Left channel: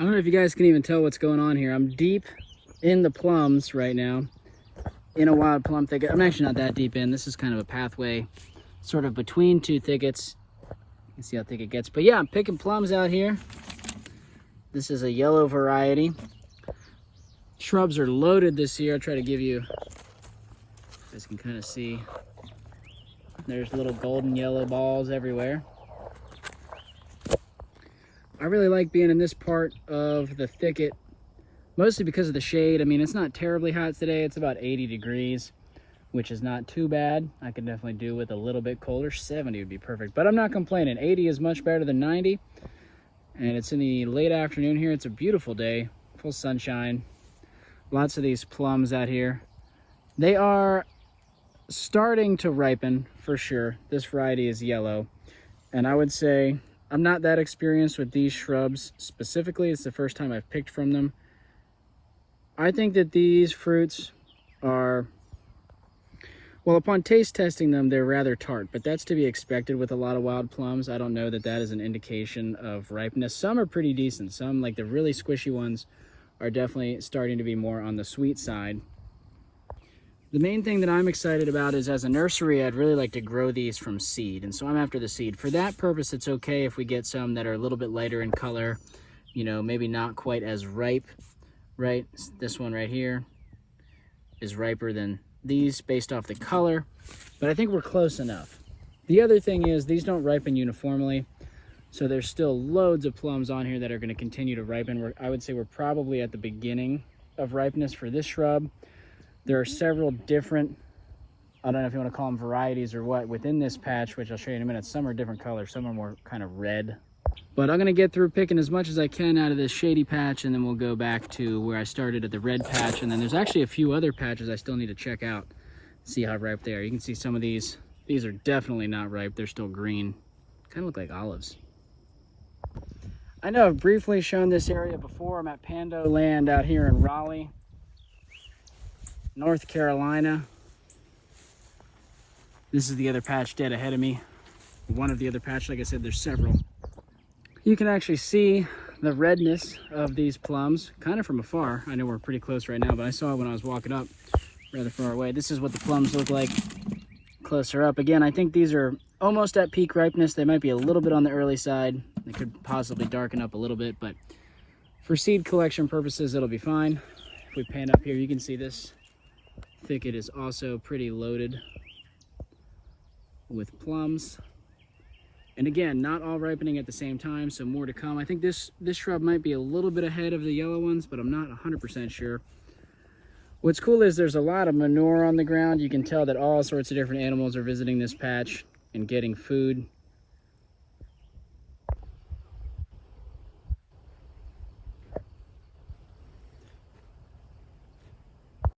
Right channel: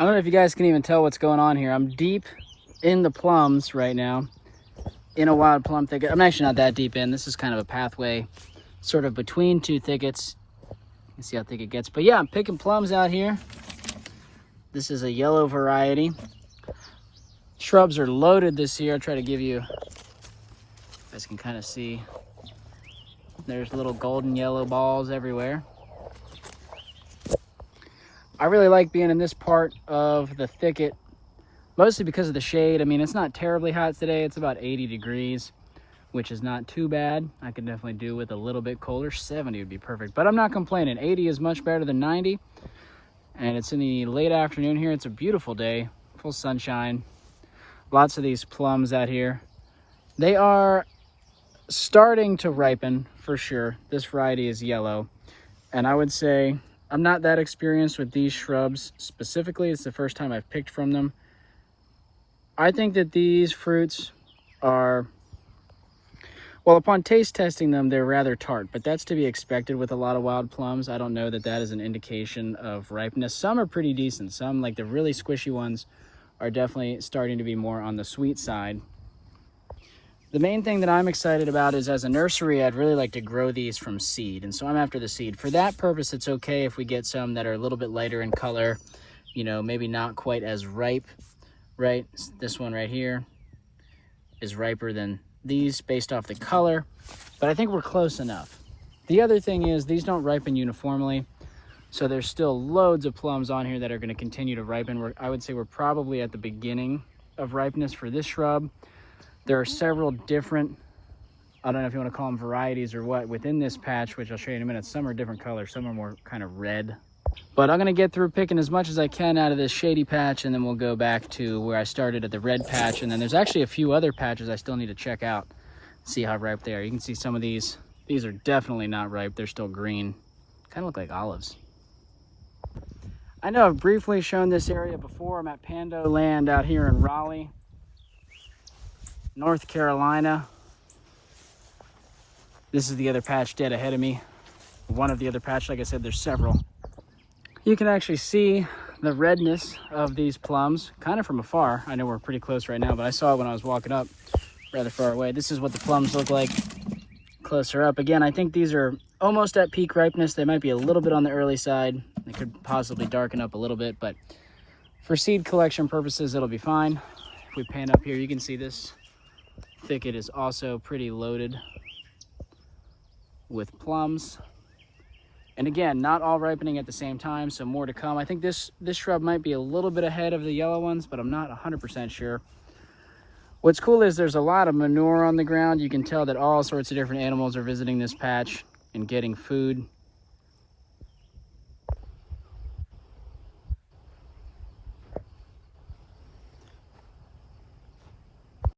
I don't know if you guys can even tell what's going on here. I'm deep in the plums right now, in a wild plum thicket. I'm actually not that deep in. This is kind of a pathway sort of between two thickets. You can see how thick it gets. But yeah, I'm picking plums out here. This is a yellow variety. Shrubs are loaded this year. I'll try to give you, you guys can kind of see, there's little golden yellow balls everywhere. I really like being in this part of the thicket, mostly because of the shade. I mean, it's not terribly hot today. It's about 80 degrees, which is not too bad. I could definitely do with a little bit colder. 70 would be perfect, but I'm not complaining. 80 is much better than 90, and it's in the late afternoon here. It's a beautiful day, full sunshine. Lots of these plums out here. They are starting to ripen for sure. This variety is yellow, and I would say I'm not that experienced with these shrubs specifically. It's the first time I've picked from them. I think that these fruits are, well, upon taste testing them, they're rather tart, but that's to be expected with a lot of wild plums. I don't know that that is an indication of ripeness. Some are pretty decent. Some, like the really squishy ones, are definitely starting to be more on the sweet side. The main thing that I'm excited about is, as a nursery, I'd really like to grow these from seed, and so I'm after the seed. For that purpose, it's okay if we get some that are a little bit lighter in color, you know, maybe not quite as ripe, right? This one right here is riper than these based off the color, but I think we're close enough. The other thing is these don't ripen uniformly, so there's still loads of plums on here that are going to continue to ripen. I would say we're probably at the beginning of ripeness for this shrub. There are several different, I don't know if you want to call them varieties or what, within this patch, which I'll show you in a minute. Some are different colors, some are more kind of red. But I'm going to get through picking as much as I can out of this shady patch, and then we'll go back to where I started at the red patch. And then there's actually a few other patches I still need to check out, see how ripe they are. You can see some of these. These are definitely not ripe. They're still green. Kind of look like olives. I know I've briefly shown this area before. I'm at Pando Land out here in Raleigh, North Carolina. This is the other patch dead ahead of me. One of the other patch, like I said, there's several. You can actually see the redness of these plums kind of from afar. I know we're pretty close right now, but I saw it when I was walking up rather far away. This is what the plums look like closer up. Again, I think these are almost at peak ripeness. They might be a little bit on the early side. They could possibly darken up a little bit, but for seed collection purposes, it'll be fine. If we pan up here, you can see this thicket is also pretty loaded with plums. And again, not all ripening at the same time, so more to come. I think this shrub might be a little bit ahead of the yellow ones, but I'm not 100% sure. What's cool is there's a lot of manure on the ground. You can tell that all sorts of different animals are visiting this patch and getting food.